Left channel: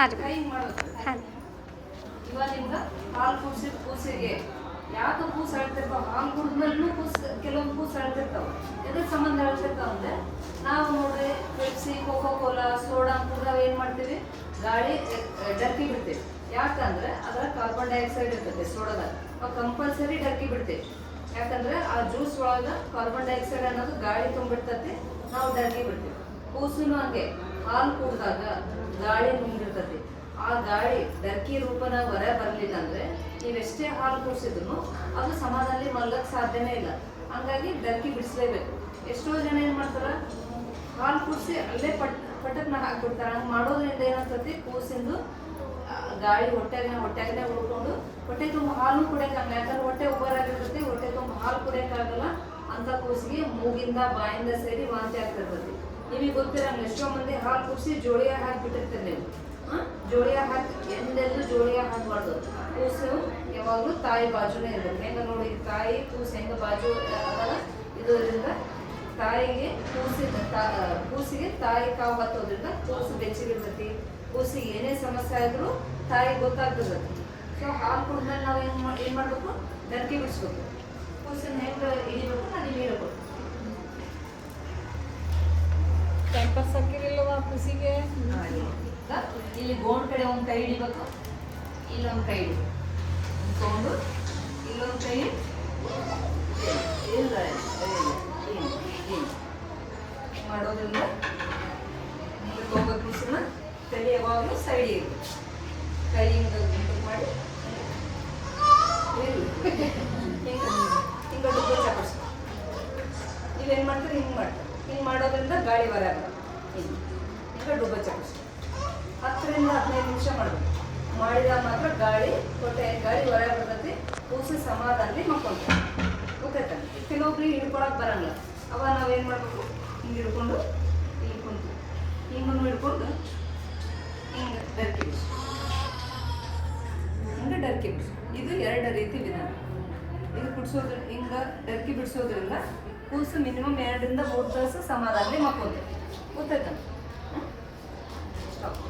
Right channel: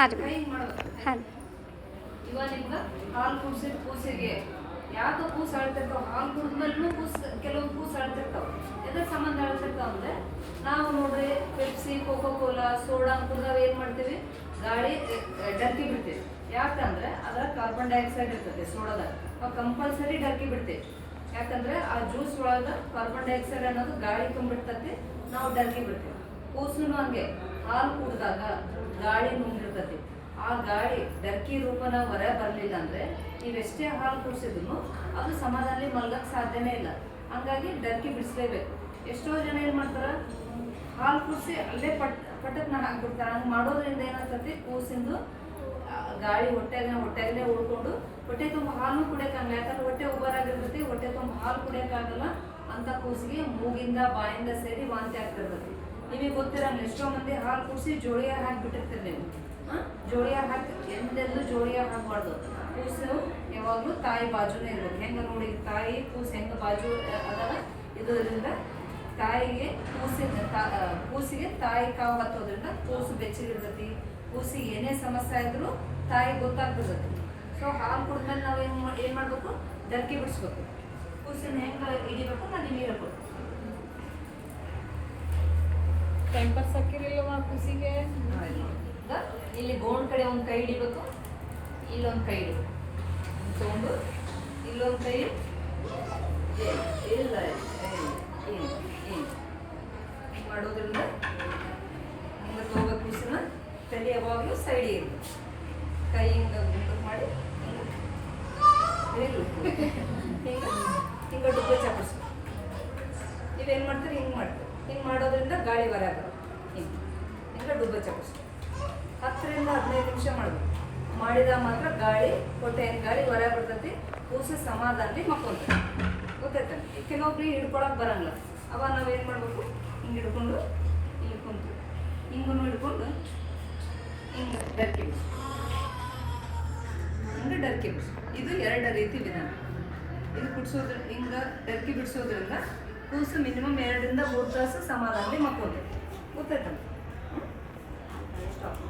ಹಾಂ ರೀ ಹಿಂಗೆ ಮಾಡ್ಬೇಕು. ಹಾಂ ಇವಾಗ ನಿಮ್ಗೆ ಹಾಲು ಕುಡಿಸಿದ ಕೂಸಿಗೆ ಯಾಕೆ ಕೂಸು ಅಳ್ತಿರ್ತಾವ, ಹಾಲು ಕುಡಿದ್ಮೇಲೂ ಕೆಲವೊಂದು ಕೂಸು ಅಳ್ತಿರ್ತಾವೆ. ಎದ್ರ ಸಂಬಂಧ ಹೇಳ್ತಿರ್ತಾವ ಅಂದರೆ ನಾವು ನೋಡ್ರಿ ಪೆಪ್ಸಿ, ಕೋಕೋ ಕೋಲಾ, ಸೋಡಾ ಕುಡ್ದಾಗ ಏನು ಮಾಡ್ತೀವಿ, ಗಾಳಿ ಡರ್ಕಿ ಬಿಡ್ತೀವಿ. ಯಾಕಂದ್ರೆ ಅದರ ಕಾರ್ಬನ್ ಡೈಆಕ್ಸೈಡ್ ಇರ್ತದೆ ಸೋಡಾದಾಗ. ನಾವು ಕಂಪಲ್ಸರಿ ಡರ್ಕಿ ಬಿಡ್ತೀವಿ. ಯಾಕಂದ್ರೆ ಆ ಜ್ಯೂಸ್ ಒಳಗೆ ಕಾರ್ಬನ್ ಡೈಆಕ್ಸೈಡ್ ಅನ್ನೋದು ಗಾಳಿ ತುಂಬಿರ್ತತಿ, ನಾವು ಡರ್ಕಿ ಬಿಡ್ತೀವಿ. ಕೂಸಿನೂ ಹಂಗೆ ಹಾಲು ಕುಡ್ದಾಗ ಗಾಳಿ ನುಂಗಿರ್ತತಿ. ಆ ಗಾಳಿ ಡರ್ಕಿ ರೂಪನ ಹೊರ ಬರಲಿಲ್ಲ ಅಂದರೆ ನೀವೆಷ್ಟೇ ಹಾಲು ಕುಡಿಸಿದ್ರು ಅದು ಸಮಾಧಾನದಲ್ಲಿ ಮಲ್ಗಕ್ಕೆ ಸಾಧ್ಯನೇ ಇಲ್ಲ. ಹಾಗಾಗಿ ಡರ್ಕಿ ಬಿಡಿಸ್ಲೇಬೇಕು. ಎಷ್ಟೋ ಜನ ಏನು ಮಾಡ್ತಾರೆ, ಹಾಲು ಕುಡಿಸಿ ಅಲ್ಲೇ ಪಟಕ್ನ ಹಾಕಿಬಿಡ್ತಾರೆ. ಹಂಗೆ ಮಾಡೋದ್ರಿಂದ ಏನಾಗ್ತತಿ, ಕೂಸಿಂದು ಗಾಳಿ ಹೊಟ್ಟೆಗೇ ಉಳ್ಕೊಂಡು ಹೊಟ್ಟೆ ತುಂಬ ಹಾಲು ಕುಡಿಯೋಕ್ಕಾಗಲ್ಲ. ಯಾಕಂದ್ರೆ ಹೊಟ್ಟೆ ಉಬ್ಬರಾಗಿರ್ತೈತಿ, ಹೊಟ್ಟೆ ತುಂಬ ಹಾಲು ಕುಡಿಯೋಕ್ಕಾಗಲ್ಲ. ಅಂತ ಕೂಸಿಗೆ ಮೂಗಿಂದ ಬಾಯಿಂದ ಸೇರಿ ವಾಂತಿ ಆಗ್ತಿರ್ತೈತಿ. ನಿಮಗೆ ಗೊತ್ತಿರಂಗಿಲ್ಲ, ಎಷ್ಟೋ ಮಂದಿ ಹಾಲು ಕುಡಿಸಿ ಜೋಳಿಯ ಹಾಕಿಬಿಟ್ಟಿರ್ತೀರಿ ನೀವು. ಜೋಳಿಯ ಹಾಕಿ ಎಂದೆಂದು ಜೋಳಿಯ ಹಾಕಬಾರ್ದು. ಕೂಸು ಯಾವಾಗಲೂ ತಾಯಿ ಬಾಜುನೇ ಇರ್ಬೇಕು. ಹೆಂಗೆ ನೋಡಿ ತಾಯಿ ಕೂಸು ಹೆಂಗೆ ಬಾಜು ಅದಲ್ಲ, ಇದರಿಂದ ತಾಯಿಗೆ ಕೂಸಿಗೆ ತಾಯಿ ಕಾವು ಹತ್ತೋದ್ರಿಂದ ಕೂಸು ಬೆಚ್ಚಗಿರ್ತೈತಿ. ಕೂಸಿಗೆ ಏನೇ ಸಮಸ್ಯೆ ಆದ್ರೂ ತಾಯಿಗೆ ಗೊತ್ತಾಗ್ತಿರ್ತೈತಿ. ಸೊ ಹಾಲು ಕುಡಿದ್ಮೇಲೆ ನಾವು ಏನು ಮಾಡಬೇಕು, ಡರ್ಕಿ ಬಿಡಿಸ್ಬೇಕು. ಕೂಸಿನ ಹೆಂಗೆ ಇಳಿಬೇಕು, ನಾನು ಇಳಿಬೇಕು. ಟೈಮ್ ಪಾಸ್ ಹಾಕಿರಲಿಲ್ಲವಾ ಖುಷಿಗೆ? ಇಲ್ಲಿ ಗೋಣ್ ಕಡೆ ಒಂದು ಕೈ ಹಿಡಿಬೇಕು, ಇಲ್ಲೊಂದು ಕೈ ಹಿಡಿಬೇಕು. ತೊಗೊಂಡು ಇಲ್ಲೊಂದು ಕೈ ಇಲ್ಲ ಮಾಡೋದ್ರಿಂದ ಹಿಂಗೆ ತೊಗೋಬೇಕು. ಕೂಸಿನ ತಲೆ ಯಾವಾಗಲೂ ಸೈಡಿಗೆ ಇರಬೇಕು. ಕೈ ಹಿಂಗೆ ಗುಂಟು ಮಾಡಿ ಹಿಂಗೆ ಡುಬ್ಬ ಚಾಪಿಸ್ಬೇಕು. ನೀವೇನು ಮಾಡ್ತೀರಿ, ಹಿಂಗೆ ಮಾಡ್ತೀರಿ. ಹಿಂಗೆ ಮಾಡೋದ್ರಿಂದ ಗಾಳಿ ಹೊರ ಬರುತ್ತೆ. ಹಿಂಗೆ ಡುಬ್ಬ ಚಾಪಿಸ್ಬೇಕು. 10 ರಿಂದ 15 ನಿಮಿಷ ಮಾಡಬೇಕು. ಮಾಡಿದಾಗ ಮಾತ್ರ ಹೊಟ್ಟೆ ಗಾಳಿ ಹೊರ ಬರ್ತೈತಿ. ಕೂಸು ಸಮಾಧಾನದಲ್ಲಿ ಮಕ್ಕೊಳ್ತೀವಿ. ಗೊತ್ತಾಯ್ತಾನೆ. ಕೆಲವೊಬ್ರಿಗೆ ಹಿಡ್ಕೊಳಕ್ಕೆ ಬರಲ್ಲ. ಅವಾಗ ನಾವೇನು ಮಾಡಬೇಕು, ಹಿಂಗೆ ಹಿಡ್ಕೊಂಡು ಹಿಂಗೆ ಕುಂತು ಹಿಂಗೆ ಹಿಡ್ಕೊಂಡು ಹಿಂಗೆ ಡರ್ಕಿ ಬಿಡಿಸಿ, ಹಿಂಗೆ ಡರ್ಕಿ ಬಿಡಿಸಿ. ಇದು 2 ರೀತಿ ವಿಧಾನ. ಇದು ಕುಡಿಸೋದ್ರ ಹಿಂಗೆ ಡರ್ಕಿ ಬಿಡಿಸೋದ್ರಿಂದ ಕೂಸು ಮಿನಿಮಮ್ 2 ರಿಂದ 3 ತಾಸು ಸಮಾಧಾನದಲ್ಲಿ ಮಕ್ಕೊಳ್ತೈತಿ. ಗೊತ್ತಾಯ್ತಾನೆ. ಸ್ಟಾಪ್.